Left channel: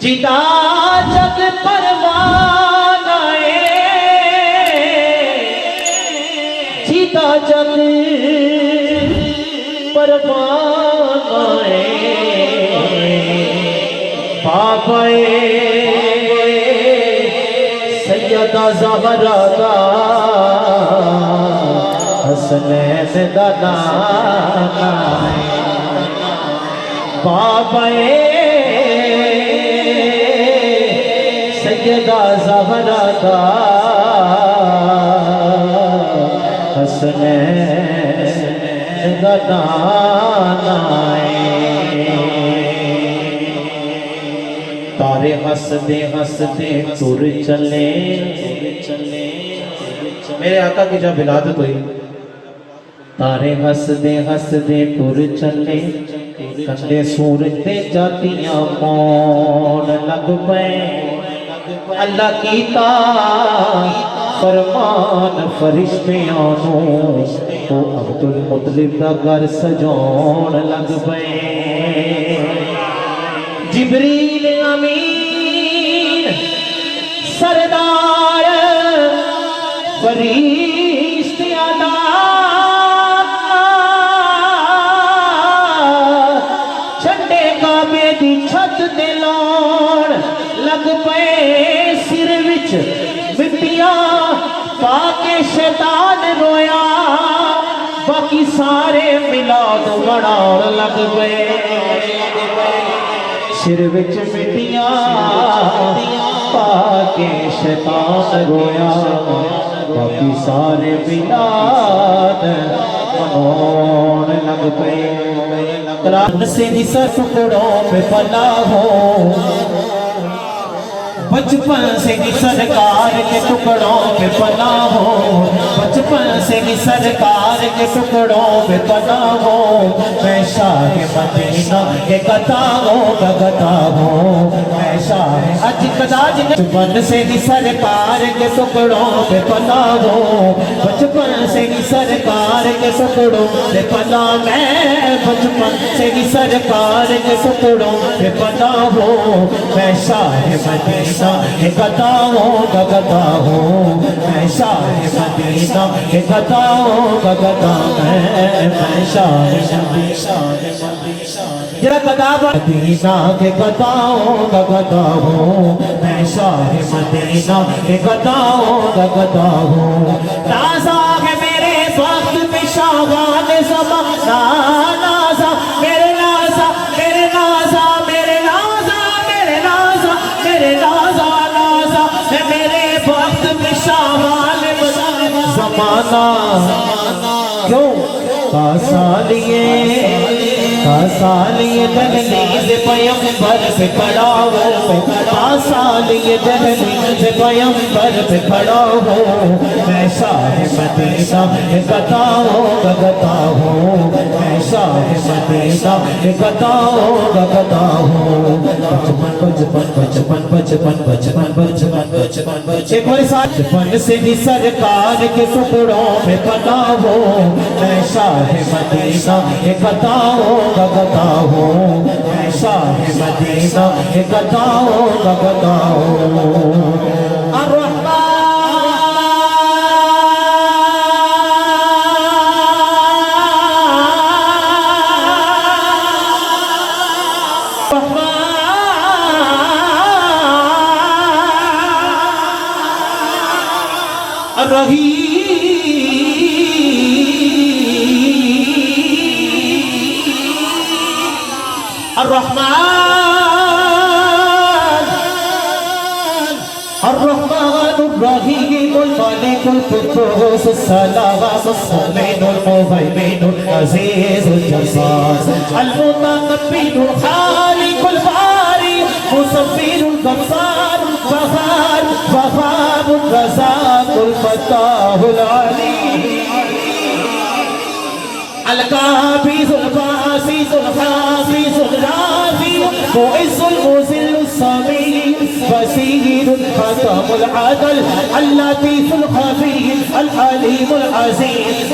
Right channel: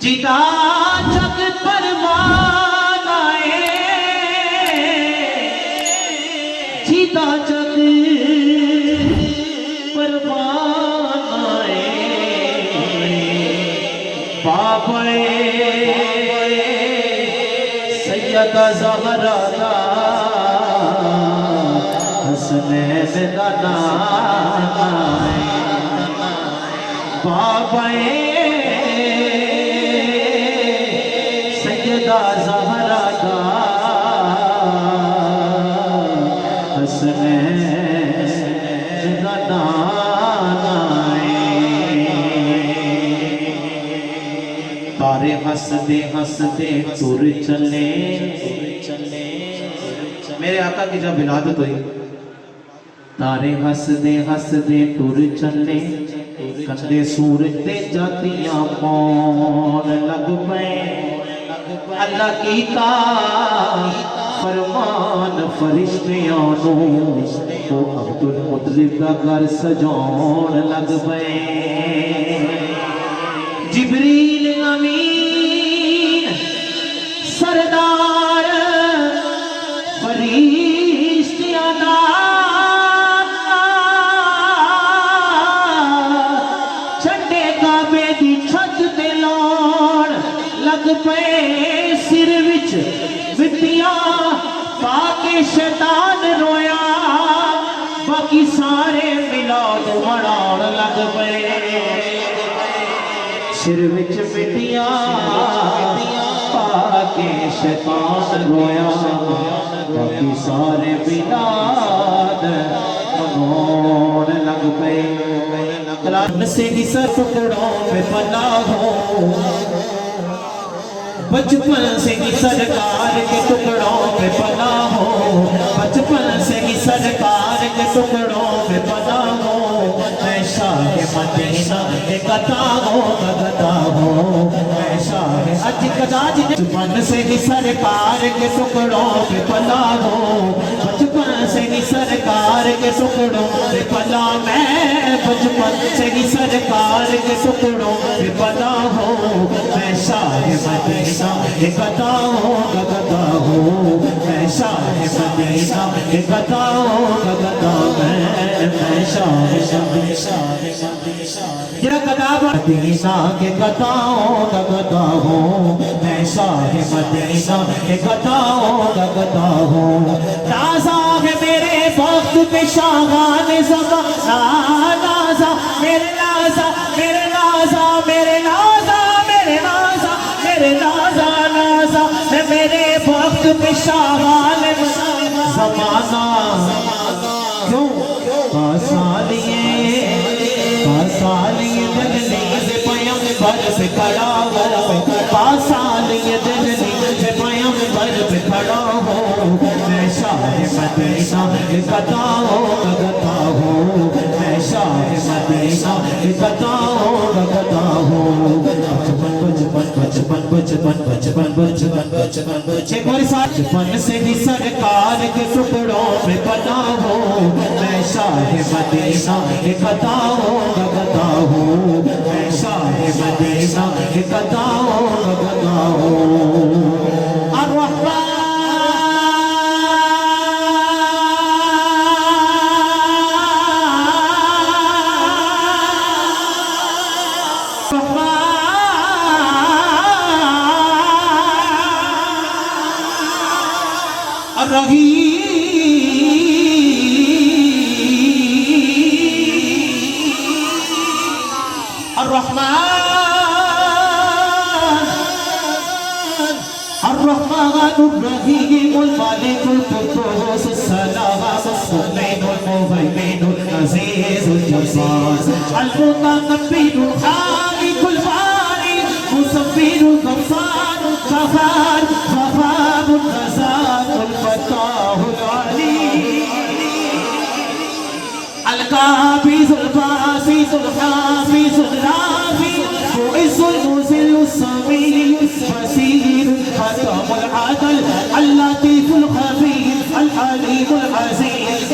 جدا جگ پروان جدا جگ پروان بابا سیدہ زہرا دا حسنین دا نانا بابا سیدہ زہرا دا حسنین دا نانا تارے ہنستے ہنستے ٹر چلے میرے آقا کی جب ولادت ہوئی تارے ہنستے ہنستے ٹر چلے کندے سورتے جاتیاں پون لگ پے اللہ کیتا فرمان فرشتیاں نو وہ عبد المطلب دا گھر سجون لگ پے جبریل امین سردار فرشتیاں دا چھٹے کعبے دی چھت تے لاؤن لگ پئے سر وچ مٹیاں پا کے شیطان رویا باقی سارے میلاد مناؤن لگ پئے سر وچ مٹیاں پا کے شیطان رویا باقی سارے میلاد مناؤن لگ پئے قرآن سے ہی سر ٹکڑوں پہ پلا ہو بچپن سے ہی سرکار کے ٹکڑوں پہ پلا ہو بچپن سے ہی سرکار کے ٹکڑوں پہ پلا ہو میں شاہ مدینہ کے گتا ہوں میں شاہ حج کداج بچپن سے ہی سرکار کے ٹکڑوں پہ پلا ہو بچپن سے ہی سرکار کے ٹکڑوں پہ پلا میں بچپن سے ہی سرکار کے ٹکڑوں پہ پلا ہو میں شاہ مدینہ کے گتا ہوں میں شاہ مدینہ کے گتا ہوں میں شاہ جرا گدا مدینہ کے گتا ہوں میں شاہ مدینہ کے گتا ہوں نازا ہے میرے وقت پہ شاہان زمانہ نازا میرے نازا میرے نازا میرے نازا میرے نازا میرے نازا نازا میرے وقت پہ شاہان زمانہ کیوں کاسالیے دہلیز پیغمبر پہ کھڑا ہو کاسالیے دہلیز پیغمبر پہ کھڑا ہو میں شاہ مدینہ کے گتا ہوں میں شاہ مدینہ کے گتا ہوں ایک بار ساتھ بچپن سے بھی سرکار کے ٹکڑوں میں پتا ہو میں شاہ مدینہ کے گتا ہوں میں شاہ مدینہ کے گتا ہوں الرحمن الرحيم الملك القدوس السلام المؤمن المهيمن العزيز الجبار المتكبر الخالق الباري مصبر الغفار القهار وهاب الرزاق الفتاح العليم القابض الباسط الحافظ الرافع المعز المذل السميع البصير الحكم العدل اللطيف الخبير الحليم العزيز